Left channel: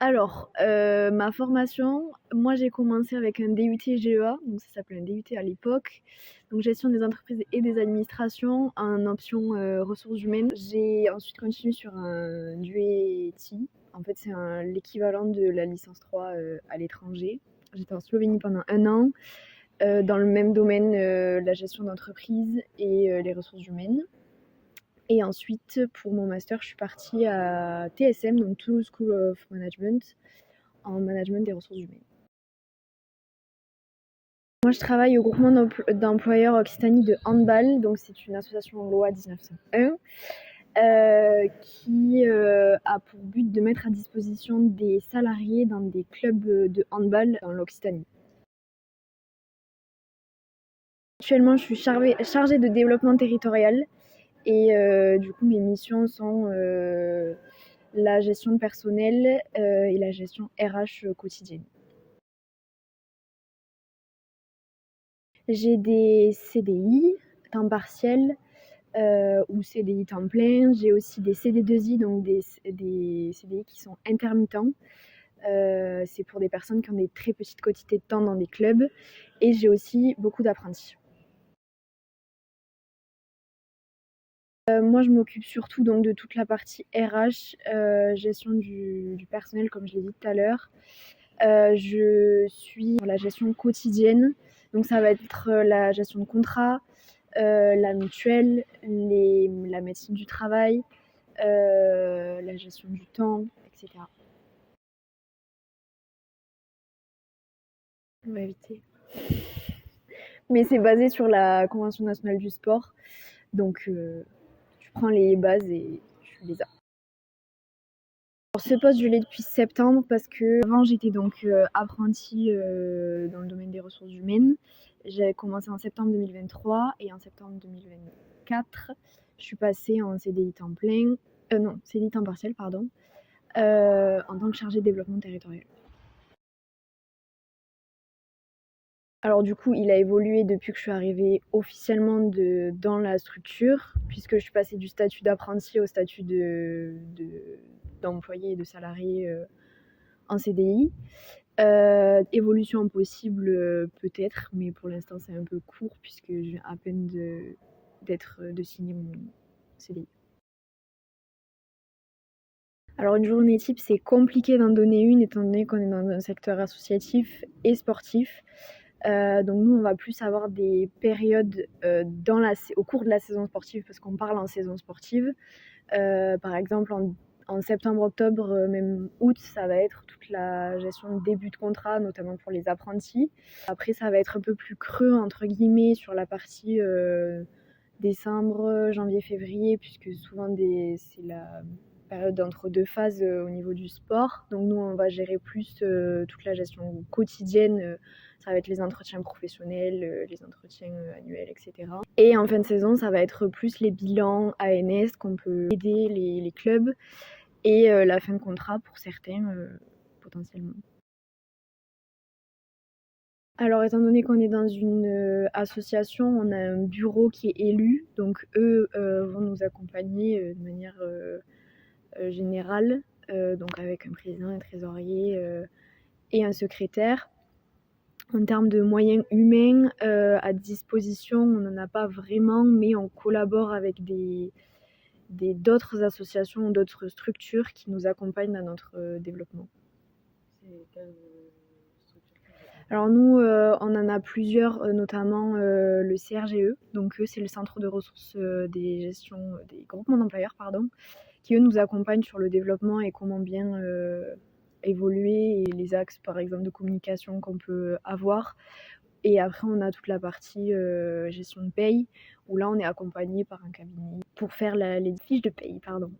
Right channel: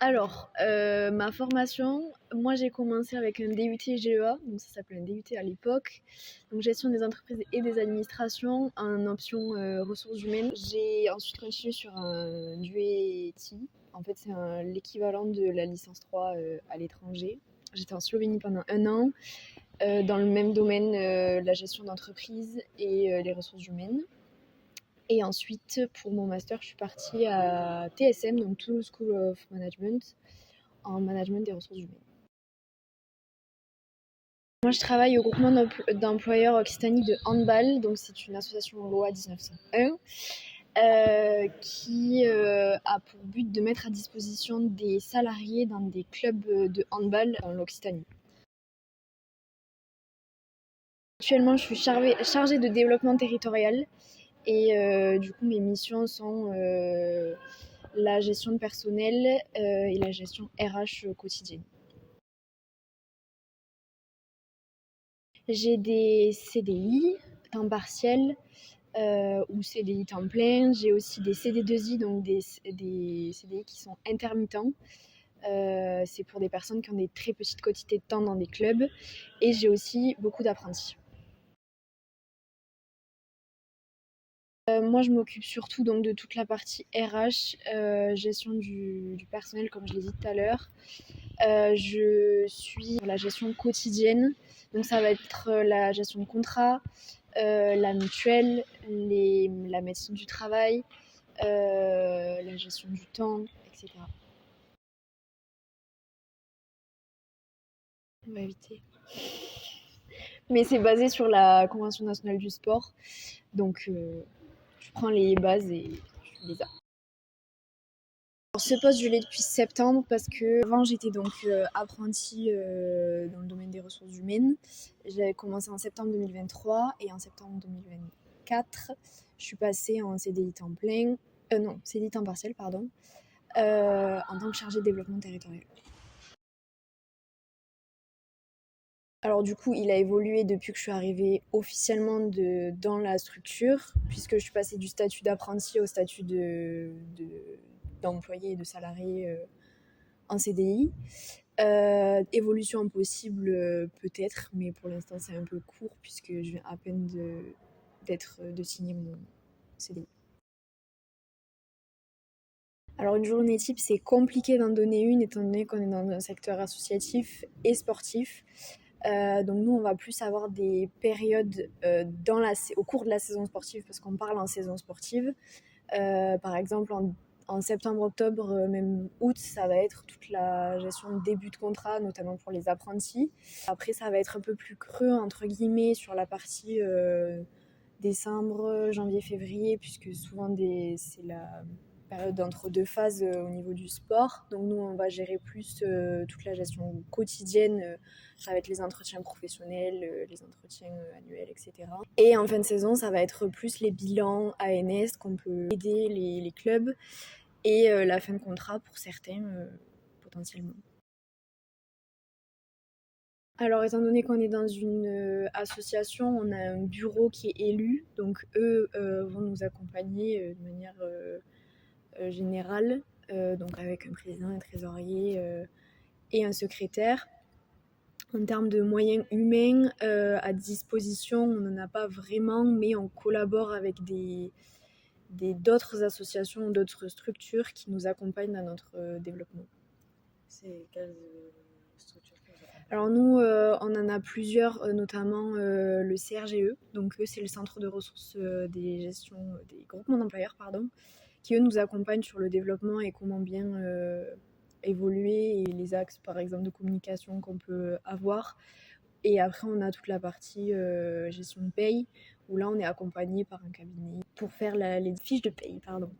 Ma formation, moi j'ai commencé avec un DUT GEA, donc ça s'appelait un DUT à l'époque, donc gestion des entreprises et des administrations en option ressources humaines. J'ai ensuite continué sur un DUET, en fait c'est l'équivalent de la licence 3 à l'étranger. J'étais en Slovénie pendant un an, dans le même domaine, la gestion d'entreprise et les ressources humaines. Et ensuite, pour mon master, je suis partie à TSM, donc Toulouse School of Management, en management des ressources humaines. Moi, je travaille au groupement d'employeurs Occitanie de handball, donc c'est une association loi 1901 qui a pour but de mettre à disposition des salariés dans des clubs de handball dans l'Occitanie. Actuellement, je suis chargée de développement territorial et du coup, mes missions sont la gestion de personnel et la gestion RH quotidienne. J'ai des CDI, temps partiel ou CDI temps plein. J'ai aussi des CD2I, donc des CDI qui sont intermittents. C'est pour des personnes qui ont des très petites quantités de temps dans des clubs. Et j'ai aussi beaucoup d'apprentis. Moi, je m'occupe surtout donc de toute la partie RH, gestion du personnel, comme je l'ai dit tout à l'heure. Je suis sur la gestion quotidienne, donc ça va être la gestion de contrat, la mutuelle, la médecine du travail, la gestion du temps, etc. On va éviter. Mais c'est basé sur la Convention nationale du sport, donc je prends les bases et je les apprends. Alors, ce poste, je l'ai depuis septembre parce que avant j'étais donc apprentie dans le domaine des ressources humaines. J'avais commencé en septembre 2023 et en septembre 2024, je suis passée en CDI temps plein, non, CDI temps partiel, pardon, en tant que chargée de développement territorial. Alors du coup, il a évolué depuis que je suis arrivée officiellement dans la structure, puisque je suis passée du statut d'apprenti au statut d'employé et de salarié en CDI. Évolution possible peut-être, mais pour l'instant c'est un peu court puisque je viens à peine de signer mon CDI. Alors une journée type, c'est compliqué d'en donner une étant donné qu'on est dans un secteur associatif et sportif. Donc nous, on va plus avoir des périodes au cours de la saison sportive, parce qu'on parle en saison sportive. Par exemple, en septembre, octobre, même août, ça va être toute la gestion de début de contrat, notamment pour les apprentis. Après, ça va être un peu plus creux, entre guillemets, sur la partie décembre, janvier, février, puisque souvent c'est la période entre deux phases au niveau du sport. Donc nous, on va gérer plus toute la gestion quotidienne. Ça va être les entretiens professionnels, les entretiens annuels, etc. Et en fin de saison, ça va être plus les bilans ANS qu'on peut aider les clubs et la fin de contrat pour certains potentiellement. Alors, étant donné qu'on est dans une association, on a un bureau qui est élu, donc eux vont nous accompagner de manière générale, donc avec un président, un trésorier et un secrétaire. En termes de moyens humains à disposition, on n'en a pas vraiment, mais on collabore avec d'autres associations, d'autres structures qui nous accompagnent dans notre développement. C'est quelle structure? Alors nous, on en a plusieurs, notamment le CRGE, donc eux, c'est le centre de ressources des groupements d'employeurs, pardon, qui eux nous accompagnent sur le développement et comment bien évoluer et les axes, par exemple, de communication qu'on peut avoir. Et après, on a toute la partie gestion de paye, où là, on est accompagné par un cabinet pour faire les fiches de paye, pardon.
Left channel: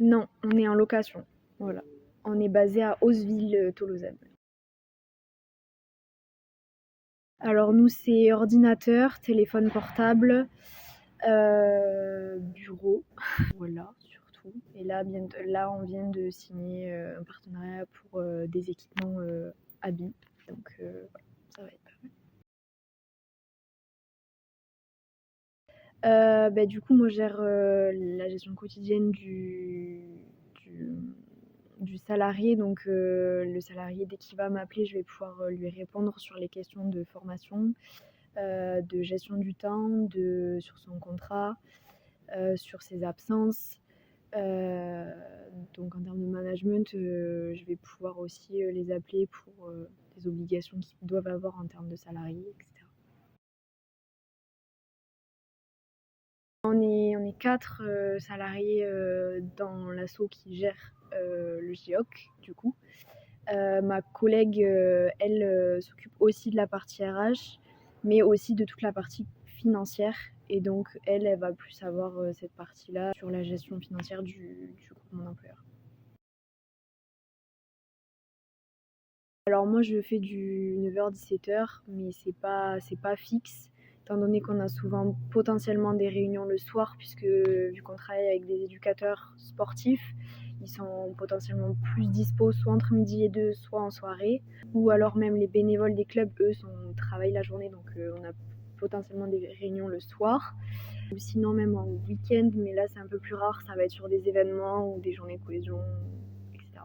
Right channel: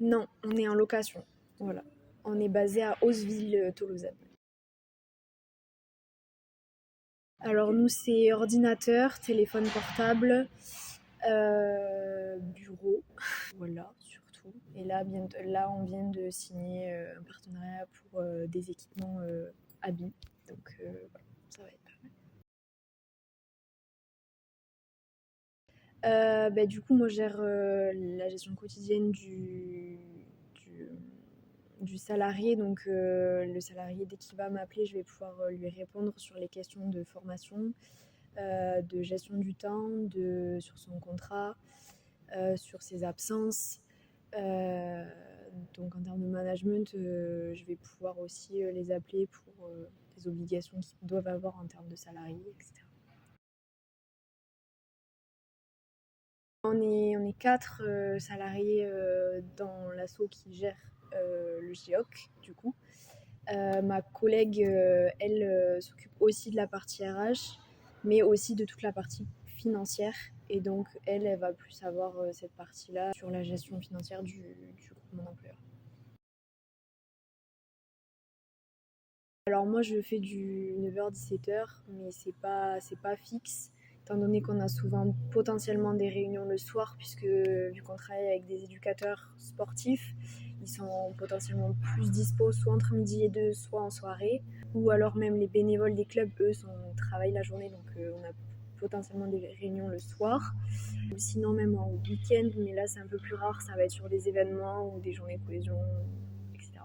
Non, on est en location, voilà. On est basé à Hausseville-Tolosane. Alors nous, c'est ordinateur, téléphone portable, bureau, voilà, surtout. Et là, on vient de signer un partenariat pour des équipements habits. Donc voilà, ça va être pas mal. Du coup, moi, je gère la gestion quotidienne du, du salarié. Donc, le salarié, dès qu'il va m'appeler, je vais pouvoir lui répondre sur les questions de formation, de gestion du temps, sur son contrat, sur ses absences. Euh, donc, en termes de management, je vais pouvoir aussi les appeler pour des obligations qu'ils doivent avoir en termes de salariés, etc. On est 4 salariés dans l'asso qui gère le GIOC, du coup. Ma collègue, elle, s'occupe aussi de la partie RH, mais aussi de toute la partie financière. Et donc, elle va plus avoir cette partie-là sur la gestion financière du groupement d'employeurs. Alors moi, je fais du 9h-17h, mais c'est pas fixe, étant donné qu'on a souvent potentiellement des réunions le soir, puisque vu qu'on travaille avec des éducateurs sportifs, ils sont potentiellement plus dispo soit entre midi et deux, soit en soirée, ou alors même les bénévoles des clubs, eux, travaillent la journée, donc on a potentiellement des réunions le soir. Ou sinon même en week-end, mais là c'est un peu plus rare, ça va être sur des événements ou des journées de cohésion, etc.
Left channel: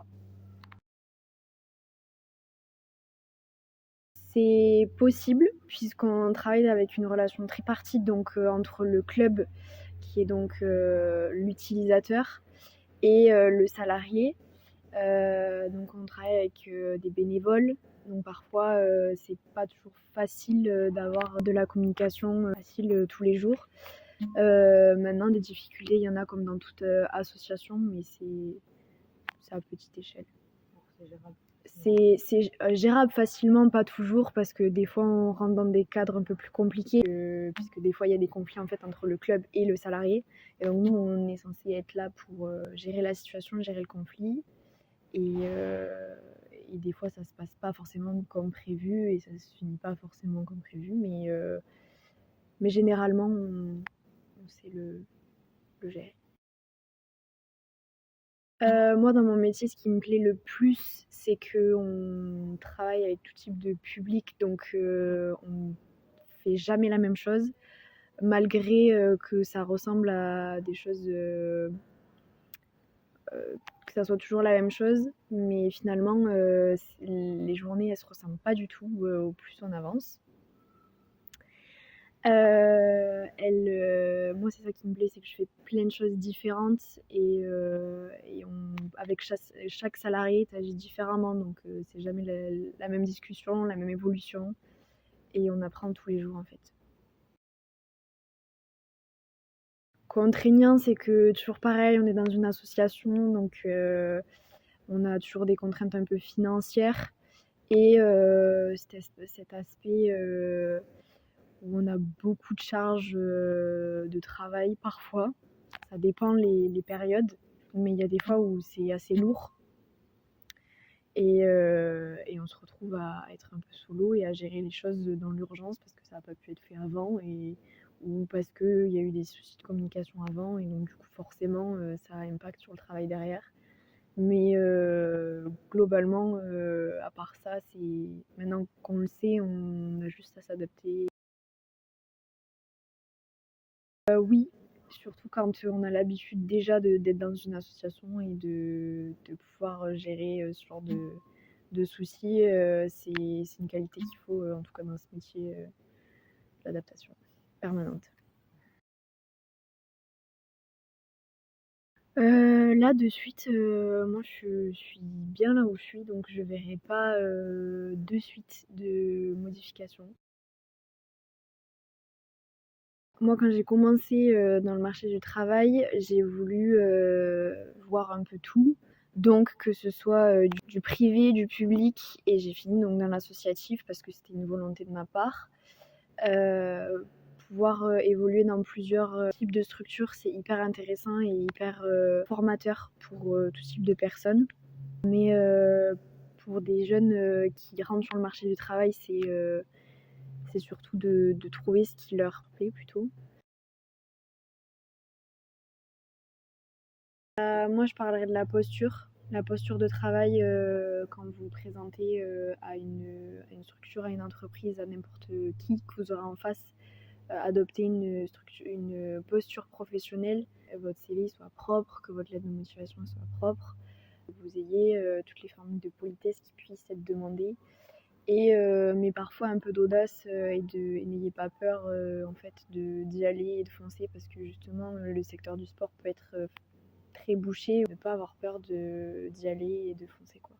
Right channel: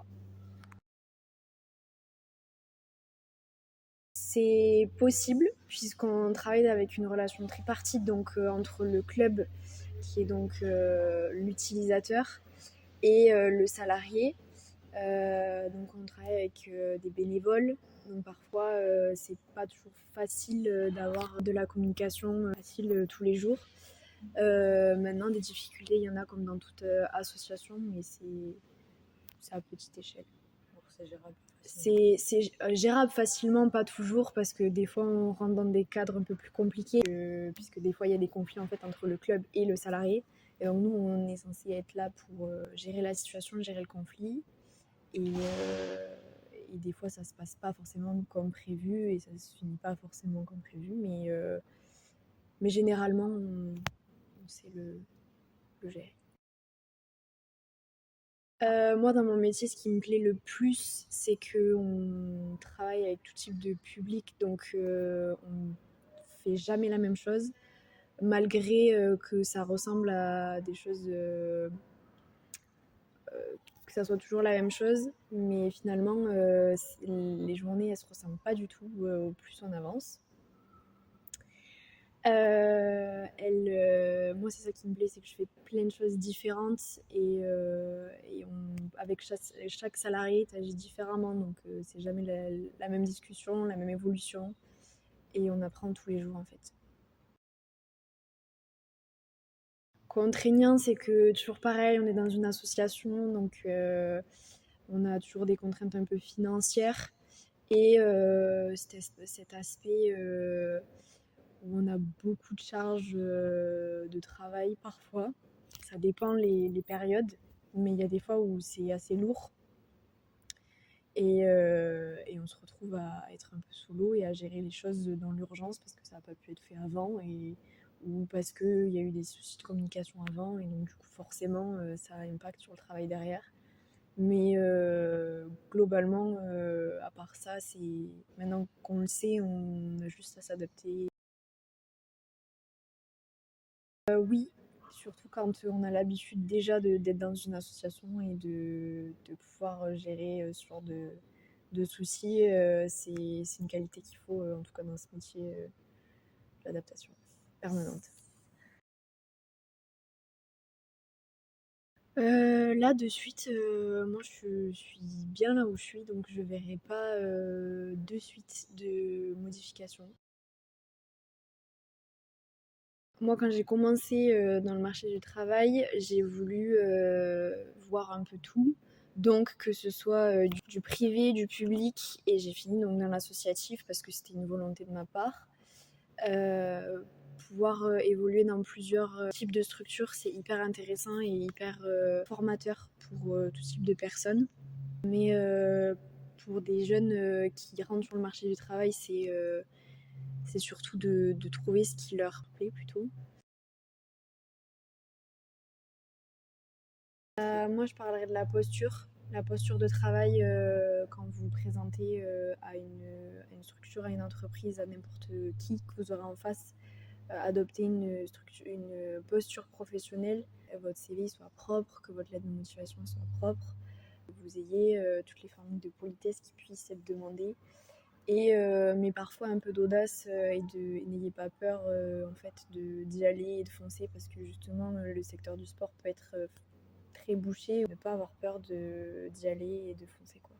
C'est possible puisqu'on travaille avec une relation tripartite donc entre le club qui est donc l'utilisateur et le salarié. Donc on travaille avec des bénévoles. Donc parfois c'est pas toujours facile d'avoir de la communication facile tous les jours. Maintenant des difficultés il y en a comme dans toute association mais c'est à petite échelle. Donc c'est gérable. C'est gérable facilement, pas toujours, parce que des fois on rentre dans des cadres un peu plus compliqués, puisque des fois il y a des conflits en fait entre le club et le salarié. Et donc nous on est censé être là pour gérer la situation, gérer le conflit. Et des fois ça se passe pas forcément comme prévu et ça se finit pas forcément comme prévu, mais généralement on sait le gérer. Moi, dans mon métier, ce qui me plaît le plus, c'est qu'on travaille avec tout type de public, donc on fait jamais la même chose, malgré que ça ressemble à des choses, que ça soit toujours la même chose, mais finalement, les journées, elles se ressemblent pas du tout au plus on avance. Moi, c'est ça qui me plaît, c'est que je fais plein de choses différentes avec chaque salarié, tu agis différemment. Donc, c'est jamais la même discussion, la même évolution. Et on apprend tous les jours, en fait. Contraignant, c'est que toujours pareil, on est dans une association, donc on a toujours des contraintes un peu financières. Et cet aspect où on a beaucoup de charges de travail parfois. Ça dépend les périodes, mais il y a des fois où c'est assez lourd. Et on se retrouve à être un peu sous l'eau et à gérer les choses dans l'urgence parce que ça n'a pas pu être fait avant ou parce qu'il y a eu des soucis de communication avant et donc du coup forcément ça a impact sur le travail derrière. Mais globalement, à part ça, c'est maintenant qu'on le sait, on a juste à s'adapter. Oui, surtout quand on a l'habitude déjà d'être dans une association et de pouvoir gérer ce genre de soucis, c'est une qualité qu'il faut, en tout cas dans ce métier, l'adaptation permanente. Là, de suite, moi je suis bien là où je suis, donc je verrai pas de suite de modification. Moi, quand j'ai commencé dans le marché du travail, j'ai voulu voir un peu tout. Donc, que ce soit du privé, du public, et j'ai fini donc dans l'associatif parce que c'était une volonté de ma part. Euh, Pouvoir évoluer dans plusieurs types de structures, c'est hyper intéressant et hyper formateur pour tout type de personnes. Mais pour des jeunes qui rentrent sur le marché du travail, c'est surtout de trouver ce qui leur plaît plutôt. Moi, je parlerai de la posture. La posture de travail quand vous vous présentez à une structure, à une entreprise, à n'importe qui que vous aurez en face. adopter une posture professionnelle, votre CV soit propre, que votre lettre de motivation soit propre, que vous ayez toutes les formules de politesse qui puissent être demandées. Mais parfois un peu d'audace et n'ayez pas peur en fait d'y aller et de foncer parce que justement le secteur du sport peut être très bouché. Ne pas avoir peur d'y aller et de foncer quoi.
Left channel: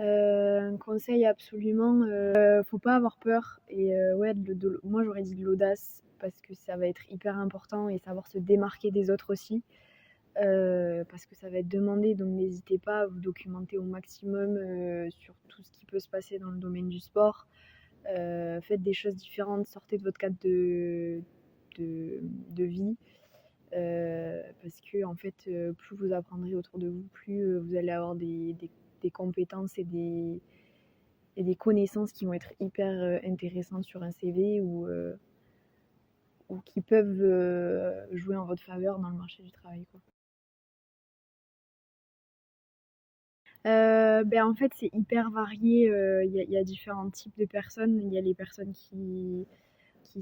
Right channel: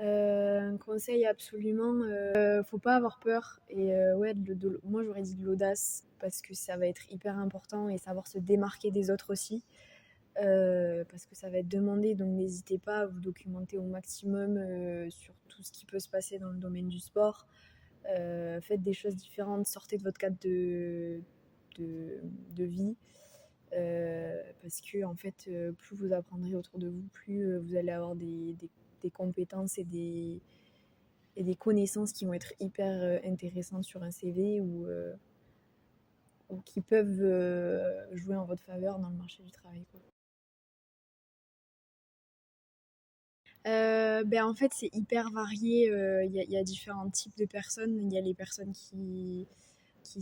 Un conseil absolument, faut pas avoir peur et ouais, moi j'aurais dit de l'audace parce que ça va être hyper important et savoir se démarquer des autres aussi. Parce que ça va être demandé, donc n'hésitez pas à vous documenter au maximum sur tout ce qui peut se passer dans le domaine du sport. Faites des choses différentes, sortez de votre cadre de vie. Parce que en fait, plus vous apprendrez autour de vous, plus vous allez avoir des compétences et des connaissances qui vont être hyper intéressantes sur un CV ou qui peuvent jouer en votre faveur dans le marché du travail, quoi. En fait, c'est hyper varié. Il y a différents types de personnes. Il y a les personnes qui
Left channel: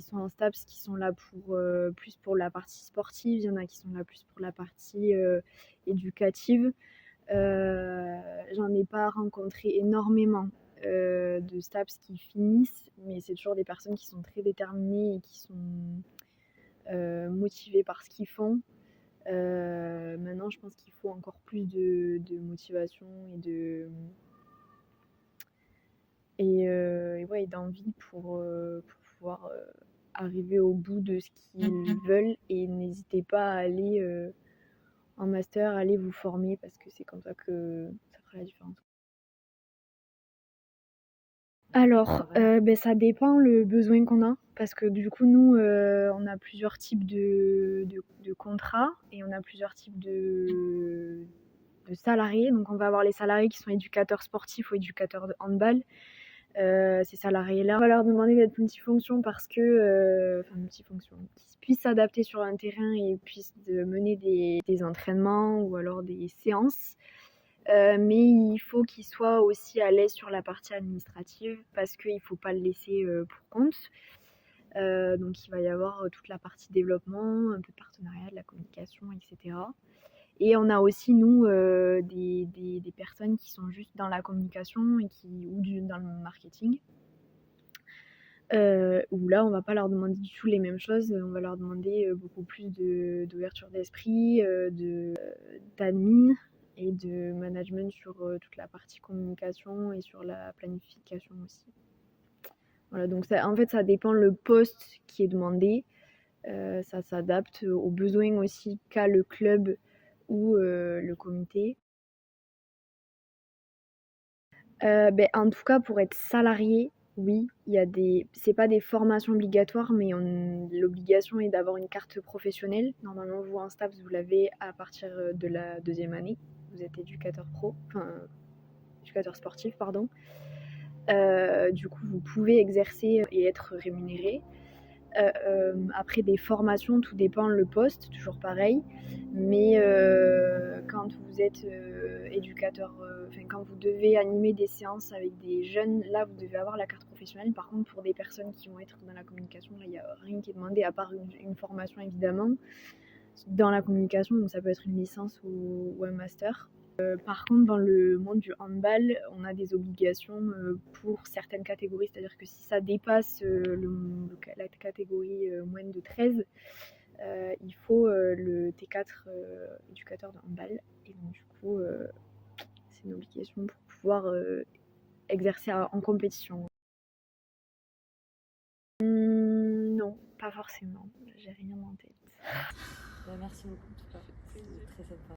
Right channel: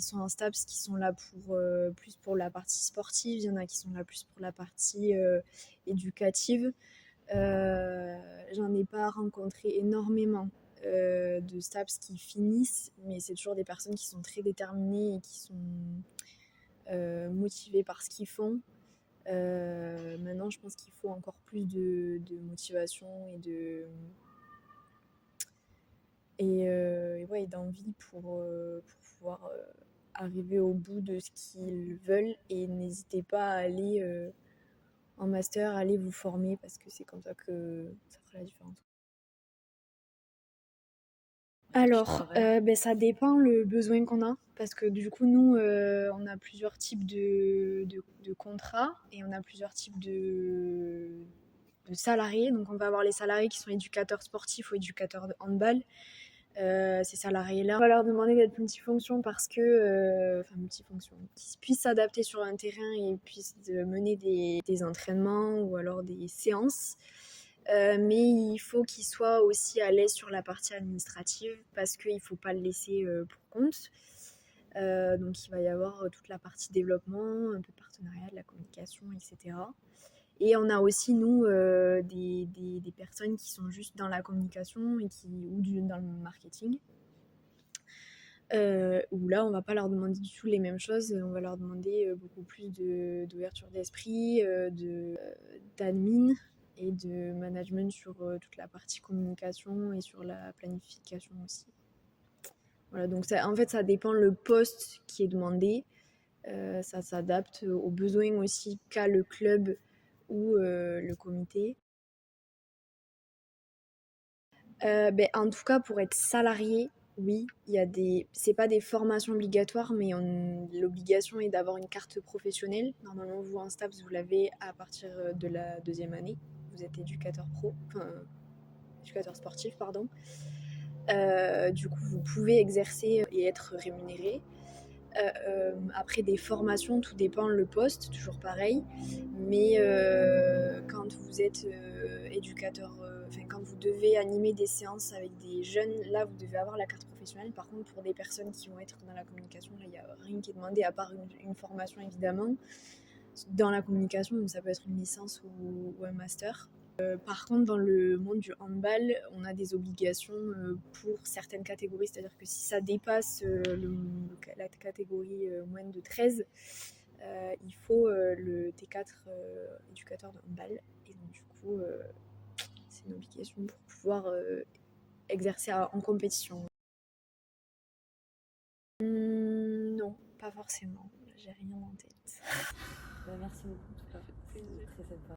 sont en STAPS, qui sont là plus pour la partie sportive. Il y en a qui sont là plus pour la partie éducative. J'en ai pas rencontré énormément de STAPS qui finissent, mais c'est toujours des personnes qui sont très déterminées et qui sont motivées par ce qu'ils font. Maintenant, je pense qu'il faut encore plus de motivation et ouais, d'envie pour pouvoir arriver au bout de ce qu'ils veulent. Et n'hésitez pas à aller en master, aller vous former parce que c'est comme ça que ça fera la différence. Alors, ça dépend le besoin qu'on a parce que du coup nous, on a plusieurs types de contrats et on a plusieurs types de salariés. Donc on va avoir les salariés qui sont éducateurs sportifs ou éducateurs de handball. Ces salariés-là, on va leur demander d'être multifonction parce que, enfin multifonction, qu'ils puissent s'adapter sur un terrain et puissent mener des entraînements ou alors des séances. Mais il faut qu'ils soient aussi à l'aise sur la partie administrative parce qu'il ne faut pas le laisser pour compte. Donc il va y avoir toute la partie développement, un peu de partenariat, de la communication, etc. Et on a aussi, nous, des personnes qui sont juste dans la communication dans le marketing. Où là, on va pas leur demander du tout les mêmes choses. On va leur demander beaucoup plus d'ouverture d'esprit, d'admin et de management sur toute la partie communication et sur la planification aussi. Voilà, donc en fait, ça dépend le poste qui est demandé. Ça s'adapte aux besoins aussi qu'a le club ou le comité. En tout cas, pour être salarié, oui, c'est pas des formations obligatoires, mais l'obligation est d'avoir une carte professionnelle. Normalement, vous, en STAPS, vous l'avez à partir de la deuxième année. Vous êtes éducateur sportif, pardon. Du coup, vous pouvez exercer et être rémunéré. Après des formations, tout dépend le poste, toujours pareil. Mais quand vous êtes éducateur, quand vous devez animer des séances avec des jeunes, là vous devez avoir la carte professionnelle. Par contre, pour des personnes qui vont être dans la communication, là il n'y a rien qui est demandé à part une formation évidemment dans la communication, donc ça peut être une licence ou un master. Par contre, dans le monde du handball, on a des obligations pour certaines catégories, c'est-à-dire que si ça dépasse la catégorie moins de 13, il faut le T4 éducateur de handball. Et donc, du coup, c'est une obligation pour pouvoir exercer en compétition. Non, pas forcément. J'ai rien en tête. Merci beaucoup en tout cas. C'est très sympa.